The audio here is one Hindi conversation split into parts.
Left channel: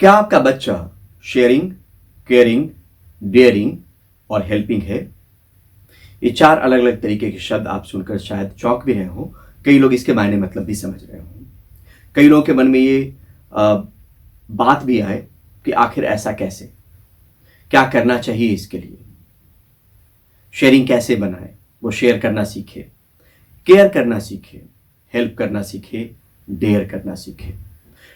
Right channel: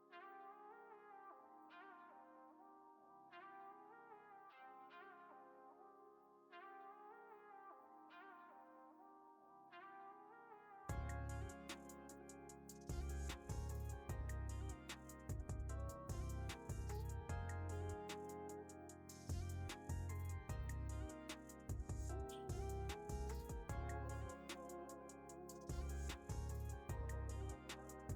क्या आपका बच्चा शेयरिंग, केयरिंग, डेयरिंग और हेल्पिंग है? ये चार अलग अलग तरीके के शब्द आप सुनकर शायद चौंक भी रहे हो। कई लोग इसके मायने मतलब भी समझ रहे हो। कई लोगों के मन में ये बात भी आए कि आखिर ऐसा कैसे, क्या करना चाहिए इसके लिए, शेयरिंग कैसे बनाए, वो शेयर करना सीखे, केयर करना सीखे, हेल्प करना सीखे, डेयर करना सीखे।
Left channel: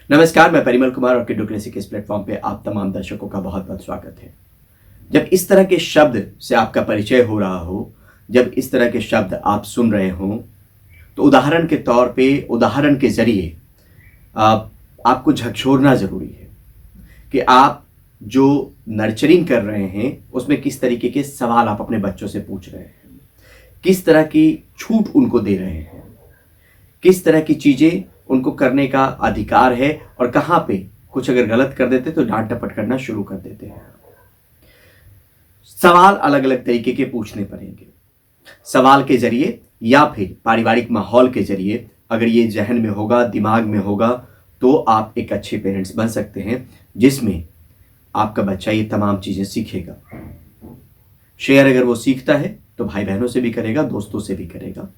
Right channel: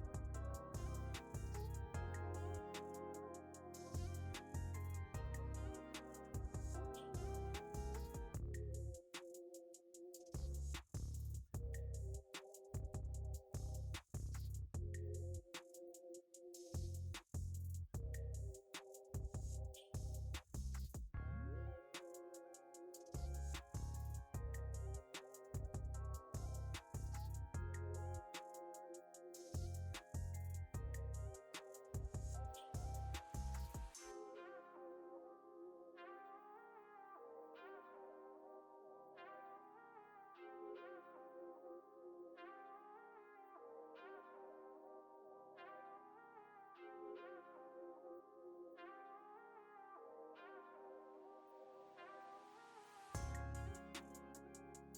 नमस्कार, मैं परिमल कुमार और किड्डू क्लासिक इस प्लेटफॉर्म पे आप तमाम दर्शकों का बहुत बहुत स्वागत है। जब इस तरह के शब्द से आपका परिचय हो रहा हो, जब इस तरह के शब्द आप सुन रहे हो, तो उदाहरण के तौर पे, उदाहरण के जरिए आपको झकझोरना जरूरी है कि आप जो नर्चरिंग कर रहे हैं उसमें किस तरीके के सवाल आप अपने बच्चों से पूछ रहे हैं, किस तरह की छूट उनको दे रहे हैं, किस तरह की चीजें उनको करने का अधिकार है और कहां पे कुछ अगर गलत कर देते तो डांट टपट करना शुरू कर देते हैं। सवाल अलग अलग तरीके के पूछने पड़ेंगे। सवाल के जरिए या फिर पारिवारिक माहौल के जरिए अगर ये जहन में होगा, दिमाग में होगा, तो आप एक अच्छे पेरेंट्स बन सकते हैं जिसमें आपका बच्चा ये तमाम चीजें सीखेगा। शेयर अगर वो सीखता है तो भाई बहनों से भी करेगा, दोस्तों से भी करेगा।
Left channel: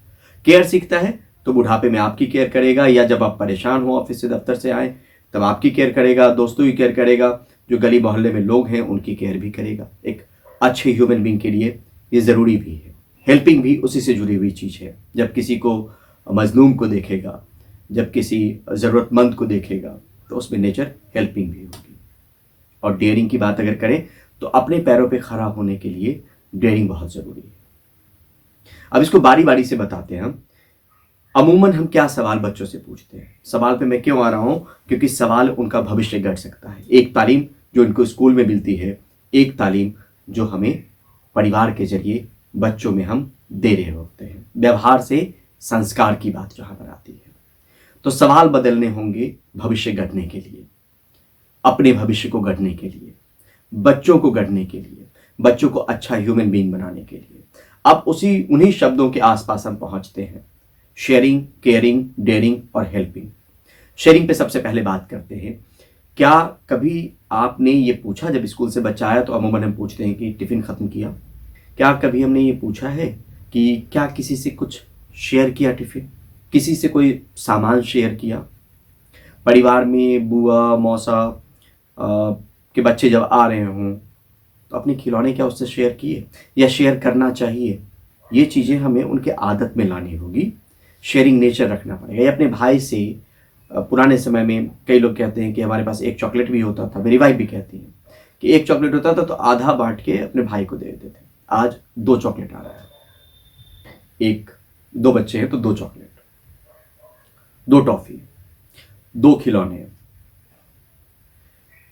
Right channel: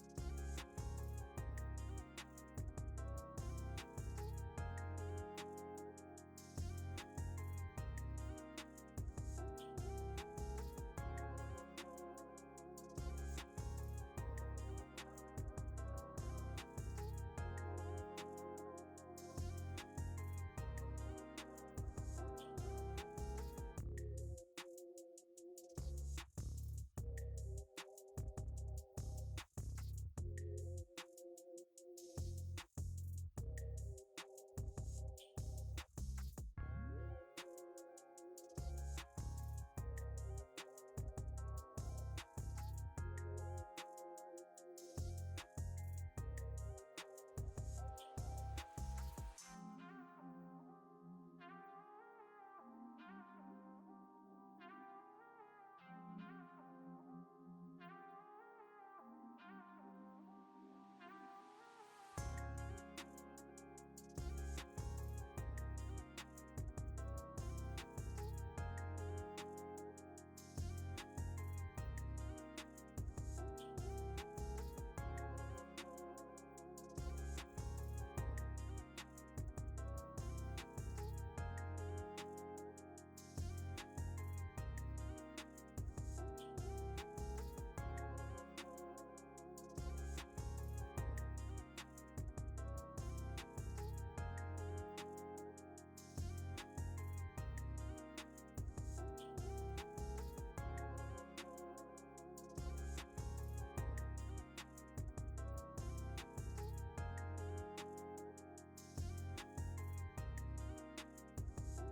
केयर सीखता है तो बुढ़ापे में आपकी केयर करेगा, या जब आप परेशान हो ऑफिस से, दफ्तर से आए, तब आपकी केयर करेगा, दोस्तों की केयर करेगा, जो गली मोहल्ले में लोग हैं उनकी केयर भी करेगा। एक अच्छे ह्यूमन बीइंग के लिए ये जरूरी भी है। हेल्पिंग भी उसी से जुड़ी हुई चीज है। जब किसी को मजलूम को देखेगा, जब किसी जरूरतमंद को देखेगा, तो उसमें नेचर हेल्पिंग भी होगी। और डेयरिंग की बात अगर करें तो अपने पैरों पे खड़ा होने के लिए डेयरिंग बहुत जरूरी है। अब इसको बारी बारी से बताते हैं हम। अमूमन हम क्या सवाल बच्चों से पूछते हैं? सवाल पे मैं क्यों आ रहा हूं? क्योंकि सवाल उनका भविष्य गढ़ सकता है। एक तालीम जो इनको स्कूल में मिलती है, एक तालीम जो हमें परिवार के जरिए बच्चों में हम दे रहे होते हैं। व्यवहार से संस्कार की बात जहां पर आती है, तो सवाल बदलने होंगे भविष्य गढ़ने के लिए, अपने भविष्य को गढ़ने के लिए, बच्चों को गढ़ने के लिए, बच्चों को अच्छा ह्यूमन बीइंग बनाने के लिए। अब उन्हीं शब्दों के आसपास हम पहुंचते हैं। शेयरिंग, केयरिंग, डेयरिंग और हेल्पिंग। शेयरिंग पे सबसे पहले बात करते हैं। क्या कभी आपने ये पूछा, जब स्कूल से बच्चा आया तो अमूमन हम पूछते हैं कि टिफिन खत्म किया? क्या कभी हमने ये पूछा है कि क्या किसी से कुछ शेयर किया टिफिन, किसी से कोई सामान शेयर किया? परिवार में बुआ, मौसा के बच्चे जब आ रहे हों तो अपने खिलौने क्या उससे शेयर किए, या शेयर करना चाहिए? ये चीज़ें हमें उनके आदत में लानी होगी। शेयरिंग नेचर रखना पड़ेगा। या अपने भाई से, पुराने समय में कई लोग कहते हैं कि हमारे पास एक चॉकलेट भी होता था, मेरी वाइफ भी कहती है कि एक चॉकलेट होता था तो आधा बांट के अपने भाई को दे देते थे। आज 2 चॉकलेट आ रहा है। एक, 2 बच्चे हैं तो 2 चॉकलेट, 2 टॉफी, 2 खिलौने।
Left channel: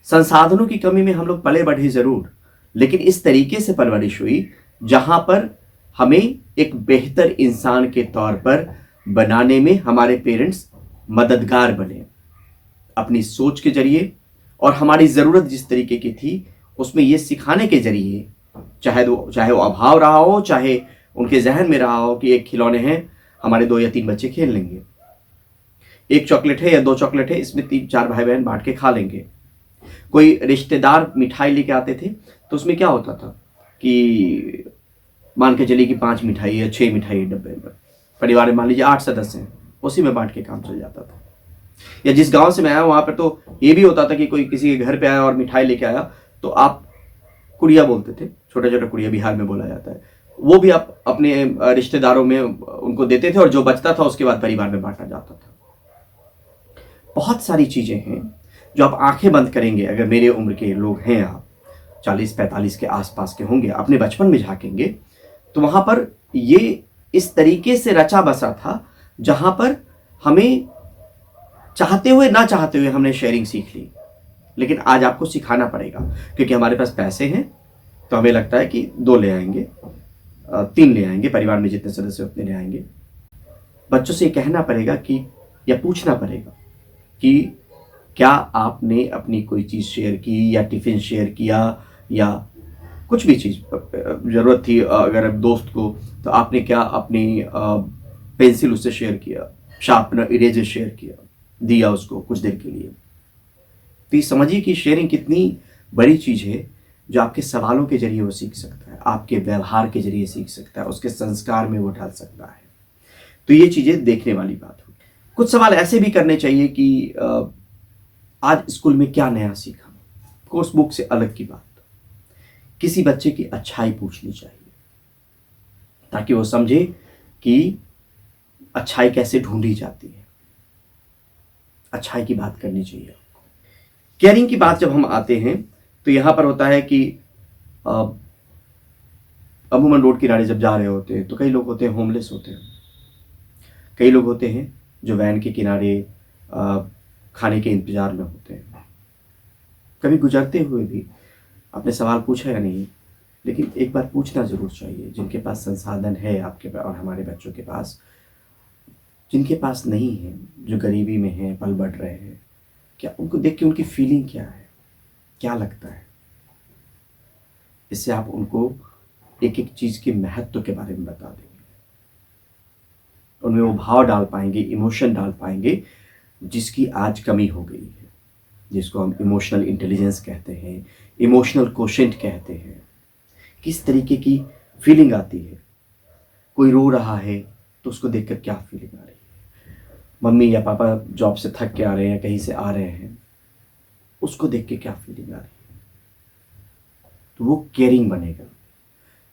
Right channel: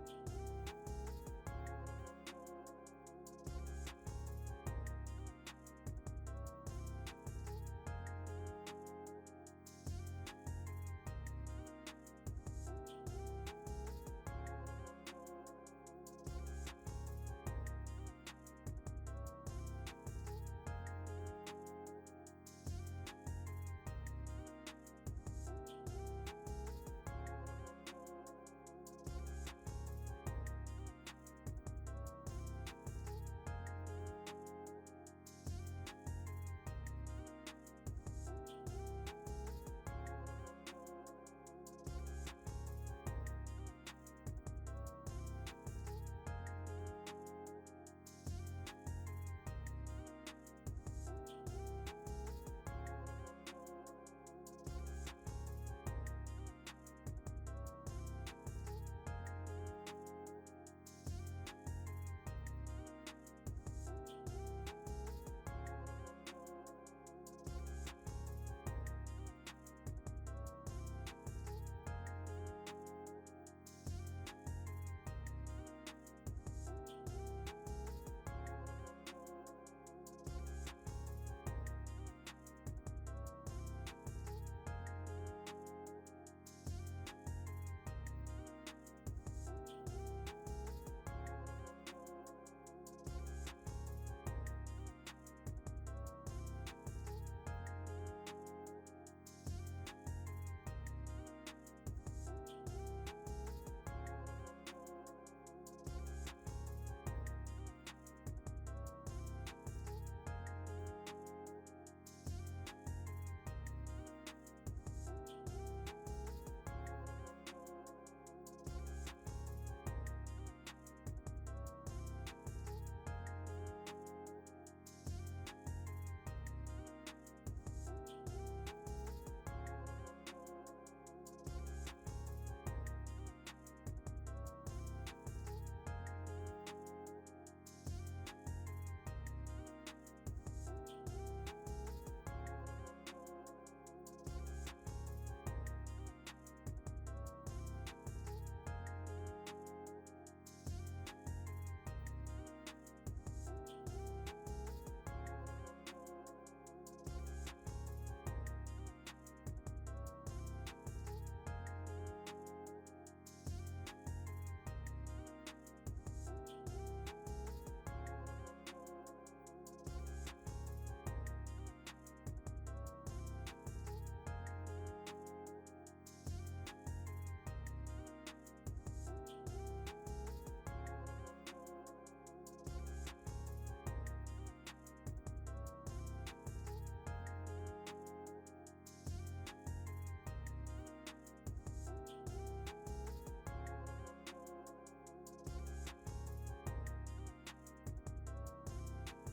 संसाधनों की कमी में हम लोग पले बढ़े जरूर, लेकिन इस तरीके से परवरिश हुई जहां पर हमें एक बेहतर इंसान के तौर पर बनाने में हमारे पेरेंट्स मददगार बने, अपनी सोच के जरिए और हमारी ज़रूरत जिस तरीके की थी उसमें ये सिखाने के जरिए। चाहे वो अभाव रहा हो, चाहे उनके जहन में रहा हो कि एक खिलौने हैं, हमारे 2 या 3 बच्चे खेल लेंगे, एक चॉकलेट है या 2 चॉकलेट है, इसमें 3-4 भाई बहन बांट के खा लेंगे। कोई रिश्तेदार मिठाई लेके आते थे तो उसमें क्या होता था कि मान के चलिए कि 5 मिठाई या 6 मिठाई डब्बे में, परिवार में मान लीजिए 8 सदस्य हैं, उसी में बांट के काम चल जाता था। या जिस गांव से मैं आया वहां पर तो ये भी होता था कि कोई किसी के घर पे आया और मिठाई लेके आया तो आप कुड़िया बोलते थे, छोटा छोटा कुड़िया बिहार में बोला जाता है, वो भी आप अपने रिश्तेदारों में उनको देते थे और जो बचता था उसके बाद परिवार में बांटा जाता था। बहुत सारी चीजें हैं जो आप आंखें बंद करेंगे, अगर मेरे उम्र के लोग हैं, आप 40-45 के आसपास के होंगे, अपने बचपन में झांकेंगे तो वहां पर ये इस तरीके से रचा बसा था जहां पर हमें चाहते हुए ना चाहते हुए हमने शेयरिंग सीख ली। लेकिन आज आपको सिखाना पड़ेगा, क्योंकि हमारे पास पैसे हैं तो हमें लगता है कि 2 ले आएंगे, 3 ले आएंगे, परिवार में जितने सदस्य उतने ले आएंगे। बच्चों से कहना पड़ेगा कि, या पूछना पड़ेगा कि क्या आपने अपनी कोई चीज़ शेयर की, या टिफिन शेयर किया, या कुछ भी चीज़ ज़रूरत थी अगर दोस्त को, तो आपने क्या अपनी पेंसिल उससे शेयर किया, शार्पनर, इरेजर शेयर किया, दिया उसको कुछ देर के लिए। तो ये समझिए कि शेयरिंग कितनी बड़ी चीज़ है, जो आपके सवालों के जरिए वो सीख सकता है, आपके व्यवहार के जरिए सीख सकता है, उसके संस्कार में वो ढाल सकता है। तो ये चीज़ें देखने वाली बात हो। कुछ सवाल ऐसे भी करने चाहिए कि आज स्कूल में क्या नया सीखा, कोर्स बुक से अलग की बात। किसी बच्चे की अच्छाई पूछनी चाहिए ताकि वो समझे कि अच्छाई कैसे ढूंढी जाती है। अच्छाई की बात करनी चाहिए। केयरिंग की बात जब हम आते हैं तो यहां पर होता है कि अमूमन रोड किनारे जब जा रहे होते हैं तो कई लोग होते हैं होमलेस होते हैं, कई लोग होते हैं जो वैन के किनारे खाने के इंतजार में होते हैं। कभी गुजरते हुए भी आपने सवाल पूछा या नहीं, लेकिन एक बार पूछना जरूर चाहिए। जिनके पास संसाधन है आपके और हमारे बच्चों के पास, जिनके पास नहीं है, जो गरीबी में है, पल बढ़ रहे हैं, क्या उनको देख के उनकी फीलिंग क्या है, क्या लगता है। इससे आप उनको एक एक चीज के महत्व के बारे में बता देंगे, उनमें वो भाव डाल पाएंगे, इमोशन डाल पाएंगे, जिसकी आज कमी हो गई है, जिसको हम इमोशनल इंटेलिजेंस कहते हैं, इमोशनल कोशेंट कहते हैं। किस तरीके की फीलिंग आती है। कोई रो रहा है तो उसको देखकर क्या फीलिंग आ रही है, मम्मी या पापा जॉब से थक के आ रहे हैं, कहीं से आ रहे हैं, उसको देख के क्या फीलिंग आ रही है। तो वो केयरिंग बनेगा,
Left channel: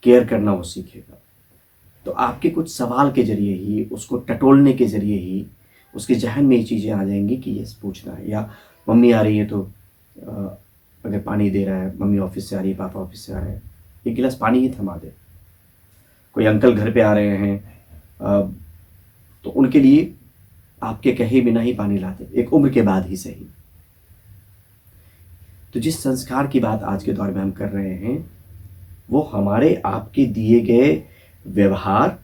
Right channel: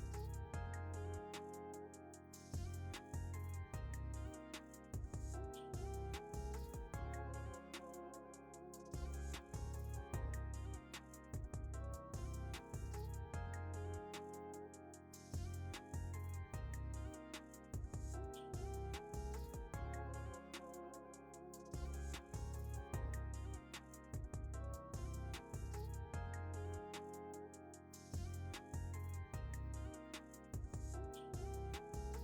केयर करना वो सीखेगा। तो आपके कुछ सवाल के जरिए ही, उसको टटोलने के जरिए ही उसके जहन में ये चीज़ें आ जाएंगी कि ये पूछना है। या मम्मी आ रही है तो अगर पानी दे रहा है, मम्मी ऑफिस से आ रही है, पापा ऑफिस से आ रहे हैं, एक गिलास पानी ही थमा दे। कोई अंकल घर पे आ रहे हैं तो उनके लिए आपके कहे बिना ही पानी ला दे, एक उम्र के बाद ही सही। तो जिस संस्कार की बात आज के दौर में हम कर रहे हैं वो हमारे आपके दिए गए व्यवहार,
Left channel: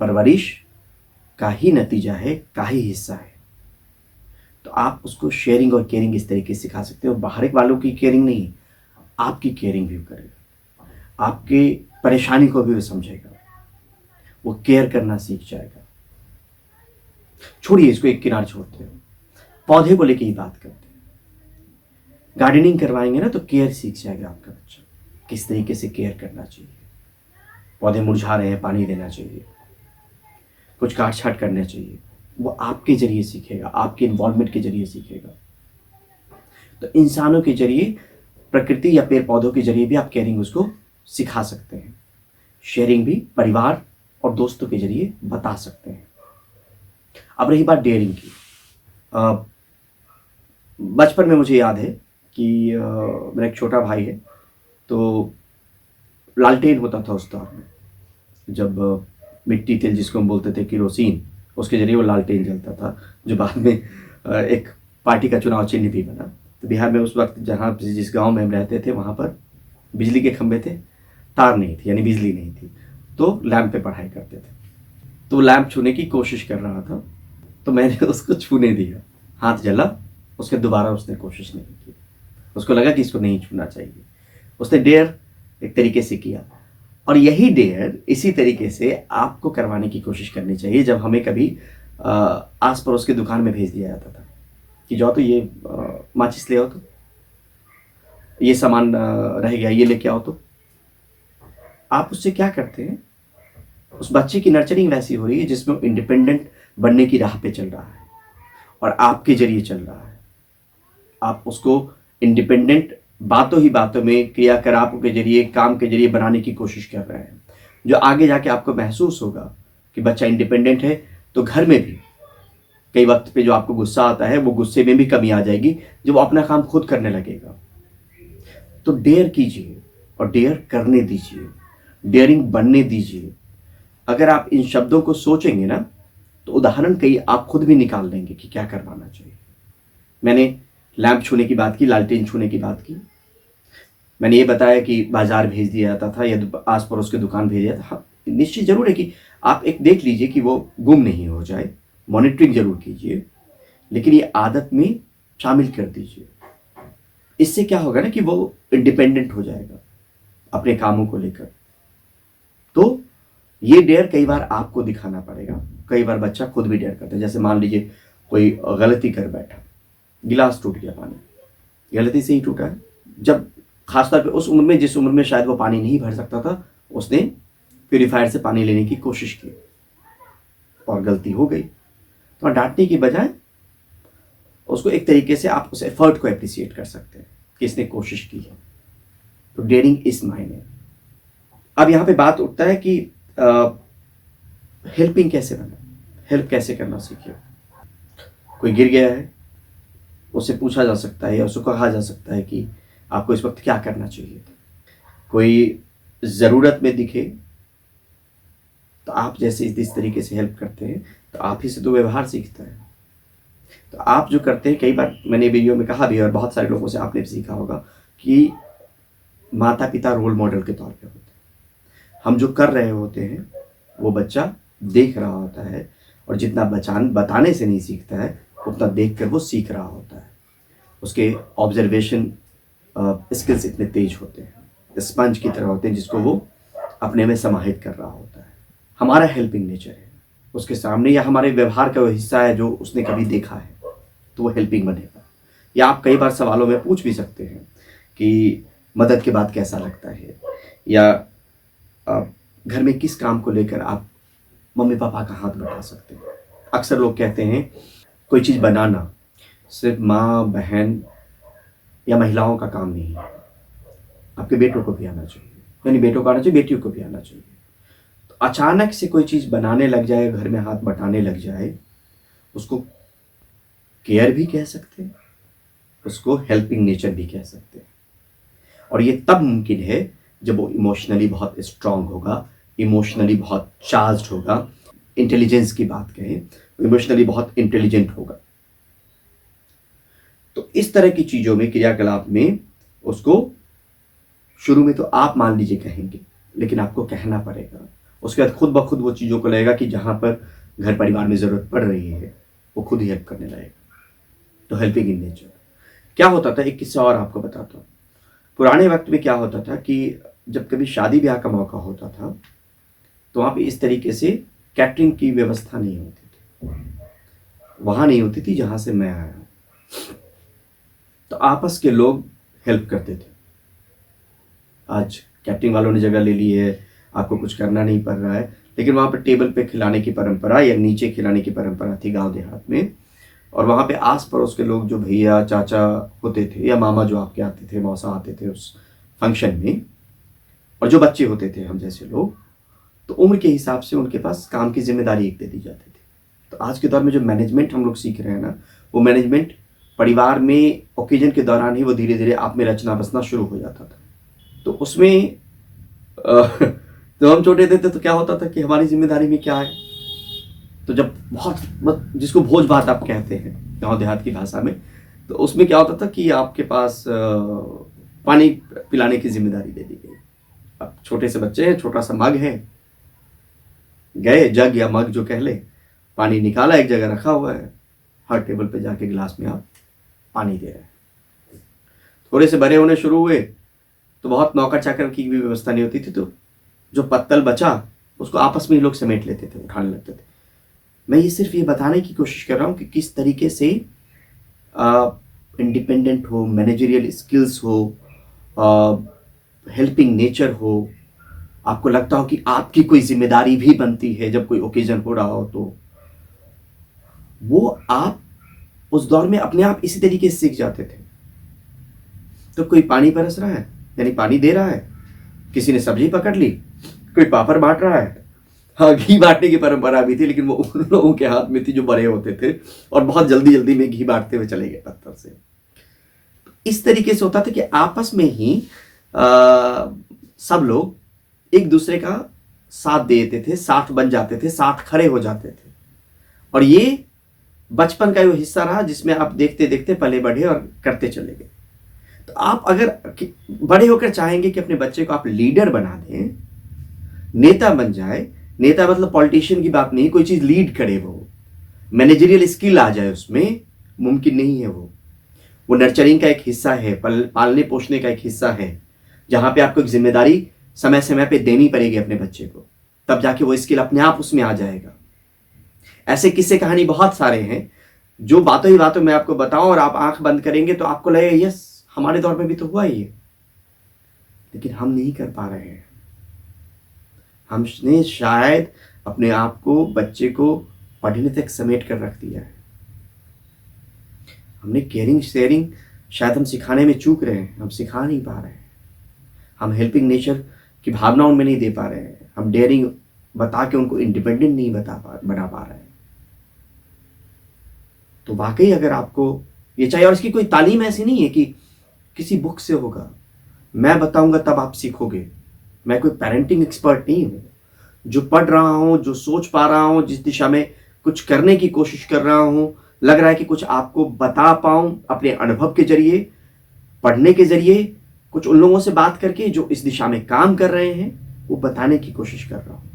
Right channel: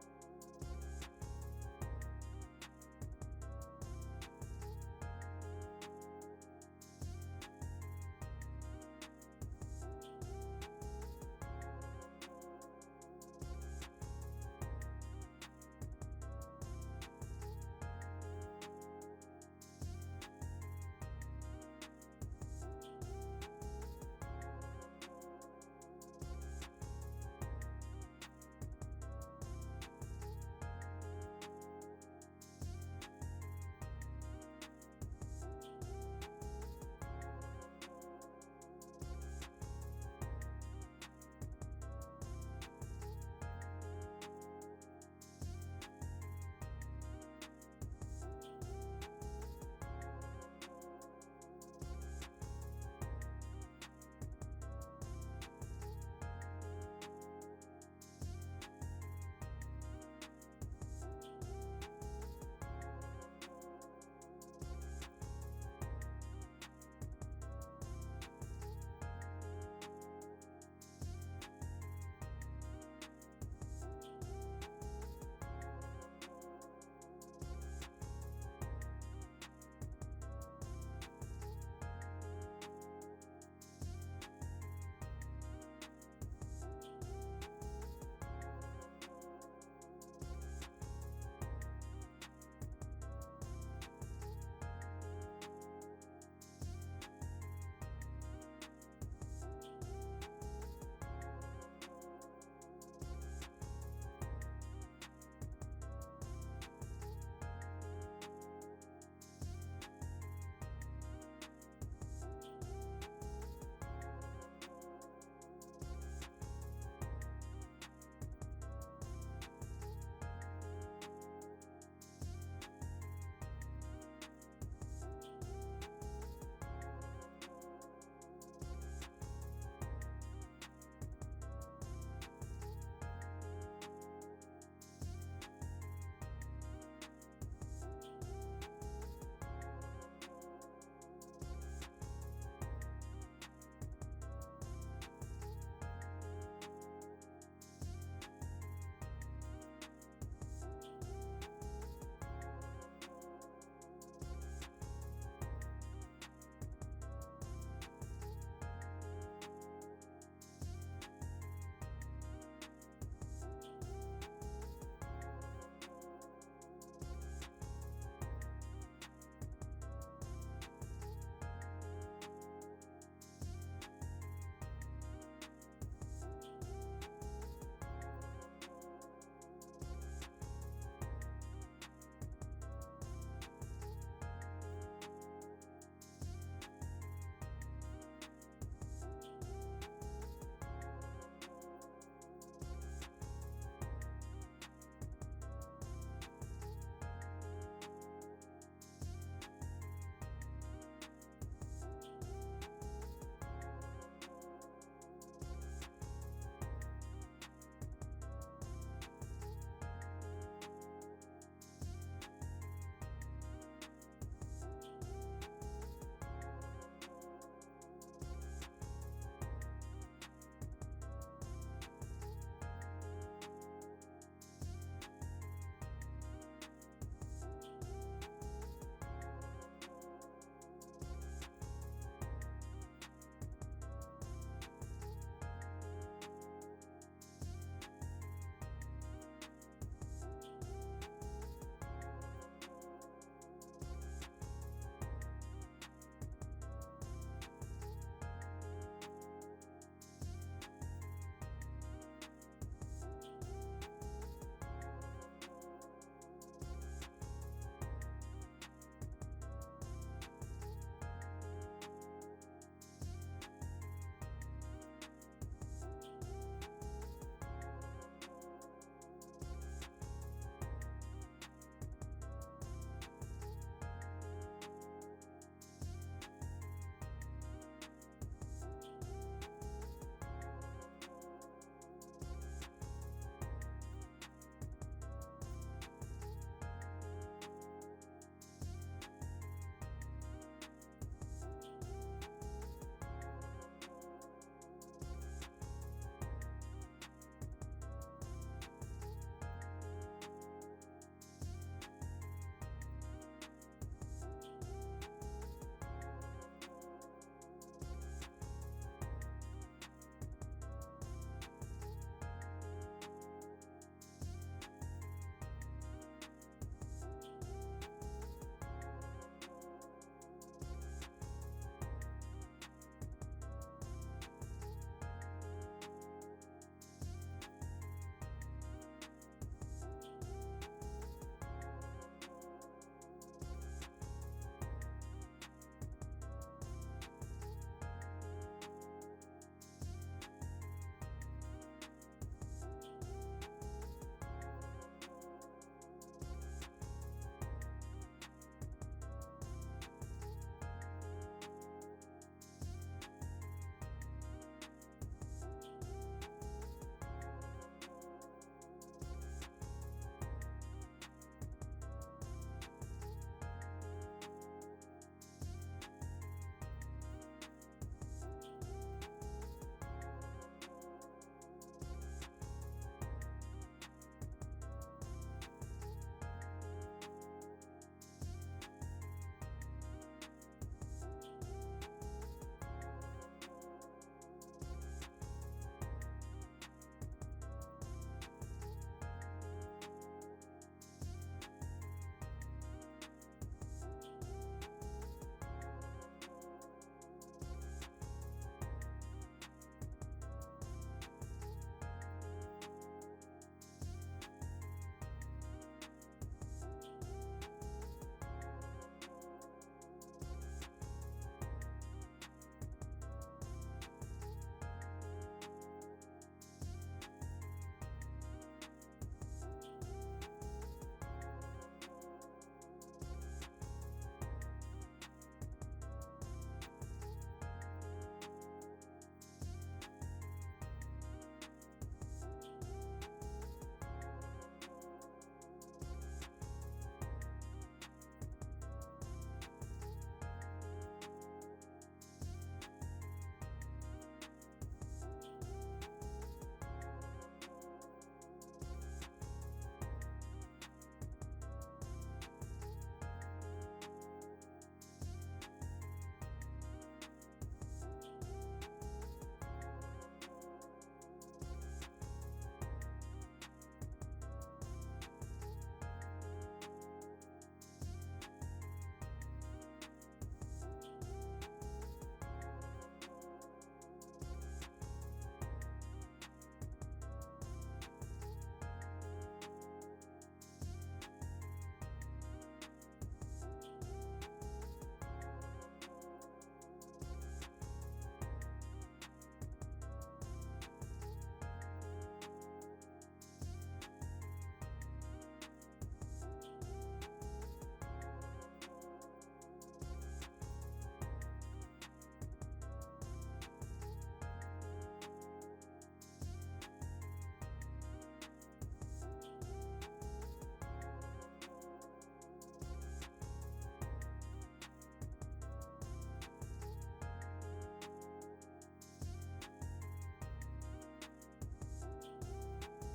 परवरिश का ही नतीजा है, का ही हिस्सा है। तो आप उसको शेयरिंग और केयरिंग इस तरीके से सिखा सकते हो। बाहर वालों की केयरिंग नहीं, आपकी केयरिंग भी करेगा, आपके परेशानी को भी वो समझेगा, वो केयर करना सीख जाएगा। छोड़िए इसको, एक किनारे छोड़ते हैं, पौधे को लेके ही बात करते हैं। गार्डनिंग करवाएंगे ना तो केयर सीख जाएगा आपका बच्चा, किस तरीके से केयर करना चाहिए। पौधे मुरझा रहे हैं, पानी देना चाहिए, कुछ काट छाट करना चाहिए, वो आपके जरिए सीखेगा, आपके इन्वॉल्वमेंट के जरिए सीखेगा। तो इंसानों के जरिए, प्रकृति या पेड़ पौधों के जरिए भी आप केयरिंग उसको सिखा सकते हैं। शेयरिंग भी परिवार और दोस्तों के जरिए बता सकते हैं। अब रही बात डेयरिंग की, बचपन में मुझे याद है कि मेरा एक छोटा भाई है, तो लालटेन होता था उस दौर में, जब मिट्टी तेल जिसको हम बोलते थे केरोसिन, उसके जरिए वो लालटेन जलता था, जो बाद में एक पार्टी का चुनाव चिन्ह भी बना। तो बिहार में उस वक्त जहाँ जिस गांव में हम रहते थे वहाँ पर बिजली के खंभे थे, तार नहीं थी, यानी बिजली नहीं थी, तो लैंप पे पढ़ाई करते थे। तो लैंप छूने की कोशिश कर रहा था, तो मैंने उसको छूने दिया, हाथ जला, उसके दोबारा उसने कोशिश नहीं की। उसको लगा कि इसको नहीं छूना चाहिए, उसने डेयर एक तरीके से किया। और यही डेयर इसी तरीके से आपको करवाने की कोशिश करनी चाहिए। जब हमें कभी आस पड़ोस की दुकान में भेज दिया जाता था कि जाओ तो ये माचिस ले आओ, तो ये सामान रह गया, ये लेके आओ, तो आप उससे क्या करते हैं, उस बच्चे की नर्चरिंग वैसी हो रही है जिसमें वो इंडिपेंडेंट बनने की राह पे चल रहा है और आपके जरिए चल रहा है। आप उसको इंडिपेंडेंट बातों ही बातों में, क्रियाकलापों के जरिए, काम के जरिए बनाने की कोशिश कर रहे हैं, जो आगे जाके आपको महसूस होगा कि बच्चा इंडिपेंडेंट है। तो घर में भी कई वक्त पे जो आपको गुस्सा आता है, वो गुस्से में भी कमी आ जाएगी जब वो अपना काम खुद करने लगेगा। तो डेयर कीजिए और डेयर करने दीजिए, डेयरिंग बनने दीजिए। अगर आप इन शब्दों को सोचेंगे ना तो उदाहरण कई आप खुद भी निकाल लेंगे कि क्या करवाना चाहिए। मैंने लैंप छूने की बात की, लालटेन छूने की बात की, मैंने ये बताया कि बाजार भेज दिया जाता था या आस पड़ोस की दुकान भेज दिया था। हाँ, निश्चित जरूर है कि आप एक देख लीजिए कि वो गुम नहीं हो जाए, मॉनिटरिंग जरूर कीजिए, लेकिन ये आदत में शामिल कर दीजिए। इससे क्या होगा ना कि वो इंडिपेंडेंट हो जाएगा अपने कामों को लेकर। तो ये डेयर कई बार आपको दिखाना पड़ेगा, कई बार बच्चा खुद भी डेयर करता है। जैसे मान लीजिए कोई गलती कर बैठा, गिलास टूट गया, पानी गलती से ही टूटा है। जब खासतौर पे उस उम्र में, जिस उम्र में शायद वो पानी नहीं भर सकता था, उसने प्यूरीफायर से पानी लेने की कोशिश की और गलती हो गई। तो डांटने की बजाय उसको एक तरीके से आप उस एफर्ट को एप्रिसिएट कर सकते हैं कि इसने कोशिश की है। तो डेयरिंग इस मायने। अब यहाँ पे बात उठता है कि हेल्पिंग कैसे बने, हेल्प कैसे करना सीखे। कोई गिर गया है, उससे पूछा जा सकता है या उसको कहा जा सकता है कि आपको इस वक्त क्या करना चाहिए। कोई ज़रूरत में दिखे तो आप जैसे इस तरीके से हेल्प करते हैं तो आप ही से तो व्यवहार सीखता है। तो आप जो करते हैं, कई बार मैंने वीडियो में कहा भी और बहुत सारे लोगों से आपने भी सीखा होगा कि माता पिता रोल मॉडल के तौर पे होते हैं। हम जो कर रहे होते हैं वो बच्चा देख रहा होता है, और जितना बताने से नहीं सीखता है उतना देख कर वो सीख रहा होता है। उसके ऑब्जर्वेशन स्किल्स इतने तेज होते हैं, स्पंज की तरह होते हैं जिसको वो अपने में समाहित कर रहा होता है। हमारा हेल्पिंग नेचर है उसके सामने, या हमारे व्यवहार का वो हिस्सा है जो उसने कभी देखा है, तो वो हेल्पिंग बनेगा। या आप कई बार सवालों में पूछ भी सकते हैं कि मदद के बाद कैसा लगता है, या घर में किस काम को लेकर आप मम्मी पापा का हाथ बटा सकते हैं। अक्सर लोग कहते हैं कोई चीज़ बनाना सिर्फ माँ बहन या महिलाओं का काम नहीं है, आपके बेटों को भी आना चाहिए, यानी बेटों को आना चाहिए, बेटियों को भी आना चाहिए। तो अचानक से कोई चीज़ बनाने लग जाए, घर में हाथ बटाने लग जाए, उसको केयर भी कह सकते हैं, उसको हेल्पिंग नेचर भी कह सकते हैं। और ये तब मुमकिन है जब वो इमोशनली बहुत स्ट्रांग होगा, इमोशनली बहुत चार्ज्ड होगा। इंटेलिजेंस की बात करें तो इमोशनली बहुत इंटेलिजेंट होगा। तो इस तरह की चीज़ों में, क्रियाकलाप में उसको शुरू में तो आप मान लीजिए कहेंगे, लेकिन आपको कहना पड़ेगा। उसके बाद खुद ब खुद वो चीज़ों को लगेगा कि जहाँ पर घर परिवार में ज़रूरत पड़ रही है वो खुद ही हेल्प करने लगेगा। तो हेल्पिंग इन नेचर। क्या होता था, एक किस्सा और आपको बताता हूँ। पुराने वक्त में क्या होता था कि जब कभी शादी ब्याह का मौका होता था तो वहाँ पे इस तरीके से कैटरिंग की व्यवस्था नहीं होती थी, वहाँ नहीं होती थी जहाँ से मैं आया। तो आपस के लोग हेल्प करते थे। आज कैटरिंग वालों ने जगह ले ली है, आपको कुछ करना नहीं पड़ रहा है, लेकिन वहाँ पर टेबल पे खिलाने की परंपरा या नीचे खिलाने की परंपरा थी गांव देहात में। और वहाँ पे आस पड़ोस के लोग जो भैया चाचा होते थे या मामा जो आपके आते थे, मौसा आते थे उस फंक्शन में, और जो बच्चे होते थे हम जैसे लोग, तो उम्र के हिसाब से उनके पास काम की जिम्मेदारी एक दे दी जाती थी। तो आज के दौर में जो मैनेजमेंट हम लोग सीख रहे हैं ना, वो मैनेजमेंट परिवार में ओकेजन के दौरान ही वो धीरे धीरे आप में रचना बसना शुरू हो जाता था। तो उसमें जब हम छोटे थे तो क्या होता था कि हमारी जिम्मेदारी में क्या है, तो जब बहुत जिसको भोज भात आप कहते हैं गांव देहात की भाषा में, तो उसमें क्या होता था कि आपके पास पानी पिलाने की जिम्मेदारी दे दी गई। अब छोटे से बच्चे हैं, छोटा सा मग है, गए जग या मग जो कह ले, पानी निकाला, एक जगह रखा हुआ है, हर टेबल पे जाके गिलास में आप पानी दे रहे हैं। थोड़े से बड़े होने शुरू हुए तो बहुत नौकर चाकर की भी व्यवस्था नहीं होती थी, तो जो पत्तल बचा उसको आपस में ही लोग समेट लेते थे, उठाने लगते थे। मैं ये सिर्फ ये बताने की कोशिश कर रहा हूँ कि किस तरीके से इंडिपेंडेंट हो, मैनेजरियल स्किल्स हो, हेल्पिंग नेचर हो, आपको लगता हो कि आपकी कोई जिम्मेदारी भी बनती है जब कोई ओकेजन हो रहा हो, तो वो आप उस दौर में अपने आप इसी तरीके से सीख जाते थे। तो कोई पानी परस रहा है यानी पानी दे रहा है, किसी ने सब्जी पकड़ ली, कोई पापड़ बांट रहा है। हाँ, घी बांटने की परंपरा भी थी, लेकिन वो उन लोगों के हाथ में थी जो बड़े होते थे और बहुत जल्दी जल्दी में घी बांटते हुए चले गए पत्थर से। इस तरीके से होता था कि आपस में ही सब लोग एक दूसरे का साथ देते थे, साथ बन जाते थे, साथ खड़े हो जाते थे। और ये बचपन का वो हिस्सा रहा जिसमें आप देखते देखते पले बढ़े और करते चले गए। तो आप अगर बड़े होकर चाहेंगे कि अपने बच्चे को आप लीडर बना दें, नेता बन जाए, नेता मतलब पॉलिटिशियन की बात नहीं, कोई चीज लीड करे, वो मैनेजरियल स्किल आ जाए उसमें, मुमकिन नहीं है। वो नर्चरिंग का एक हिस्सा है, पालने पोषने का एक हिस्सा है, जहां पे आपको एक जिम्मेदारी समय समय पे देनी पड़ेगी अपने बच्चे को, तब जाके वो स्किल अपने आप उसमें आ जाएगा। ऐसे किस्से कहानी बहुत सारे हैं जो बातों ही बातों में आपको बताऊं और आप आंख बंद करेंगे तो आपको लगेगा यस, हमारे दौर में भी तो हुआ ही है, लेकिन हम नहीं कर पा रहे हैं। हमने शायद अपने आप को, बच्चे को पढ़ने तक समेट कर रख दिया है। हमने केयरिंग शेयरिंग शायद हम सिखाने में चूक रहे हैं, हम सिखा नहीं पा रहे हैं। हम हेल्पिंग नेचर की भावना उनमें नहीं दे पा रहे हैं। हम डेयरिंग बता के उनको इंडिपेंडेंट नहीं बना पा रहे हैं। तो वाकई अगर आपको ये चाहिए, और इसकी कोई तालीम ऐसी नहीं है कि किसी बुक से होगा, मैं बताऊंगा तब आप सीखोगे। मैं कोई पेरेंटिंग एक्सपर्ट नहीं हूँ। जो पढ़ रहा हूँ, जो सोच पा रहा हूँ, जिस दिशा में कुछ करने की कोशिश कर रहा हूँ, लग रहा है कि कुछ आपको बता पाऊं अपने अनुभव के जरिए, पढ़ने के जरिए, कुछ उन लोगों से बात करके जो इस दिशा में काम कर रहे हैं, वो बताने की कोशिश कर रहा हूँ।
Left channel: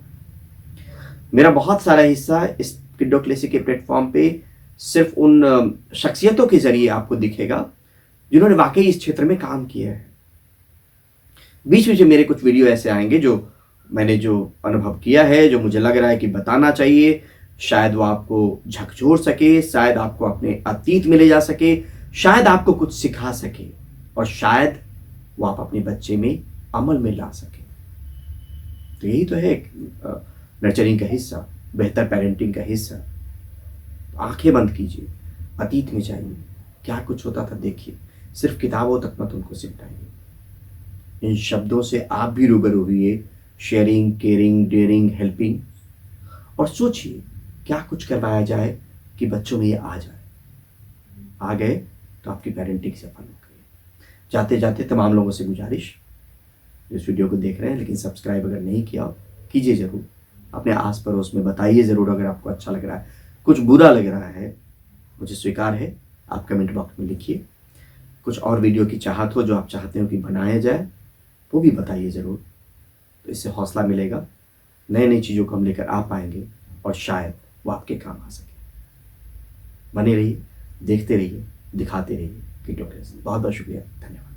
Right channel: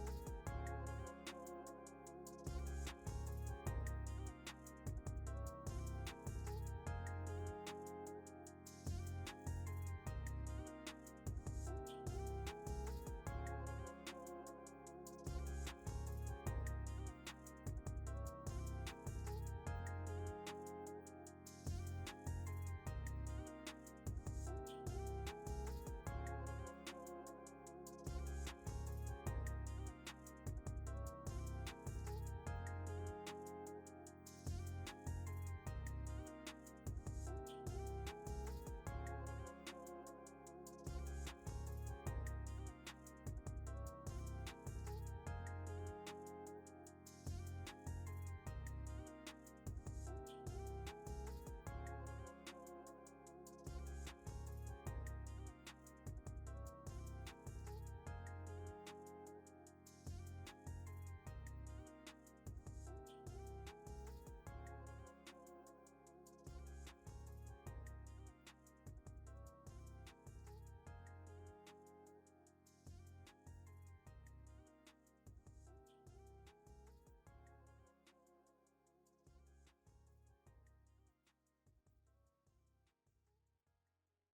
मेरा बहुत सारा हिस्सा इस किड्डोक्लेसी के प्लेटफॉर्म पे सिर्फ उन शख्सियतों के जरिए आपको दिखेगा जिन्होंने वाकई इस क्षेत्र में काम किया है। बीच बीच में मेरे कुछ वीडियो ऐसे आएंगे जो मैंने जो अनुभव किया है, जो मुझे लग रहा है कि बताना चाहिए, शायद वो आपको झकझोर सके, शायद आपको अपने अतीत में ले जा सके, शायद आपको कुछ सिखा सके, और शायद वो आप अपने बच्चे में अमल में ला सके। तो यही तो है नर्चरिंग का हिस्सा, बेहतर पेरेंटिंग का हिस्सा। आंखें बंद कीजिए, अतीत में जाइए, क्या कुछ होता था देखिए, सिर्फ किताबों तक मत उनको सिमटाइए। इन शब्दों से आप भी रूबरू हुए, शेयरिंग, केयरिंग, डेयरिंग, हेल्पिंग, और सोचिए क्या कुछ करवाया जाए कि बच्चों में ये आ जाए। आ गए तो आपकी पेरेंटिंग सफल हो गई। जाते जाते तमाम लोगों से गुजारिश, इस वीडियो को देख रहे हैं लेकिन सब्सक्राइब अगर नहीं किया कीजिए ज़रूर। अपने आस पड़ोस में बताइए ज़रूर अगर आपको अच्छा लग रहा है। कुछ बुरा लग रहा है, मुझे स्वीकार है, आप कमेंट बॉक्स में लिखिए। कुछ और वीडियो की चाहत हो जो आप चाहते हो कि बनाया जाए, वो भी बताइए ज़रूर। तो इससे हौसला मिलेगा, नई नई चीज़ों को हम लेकर आ पाएंगे और शायद वो आपके काम आ सके। बने रहिए, देखते रहिए, दिखाते रहिए किड्डोक्लेसी। बहुत बहुत शुक्रिया, धन्यवाद।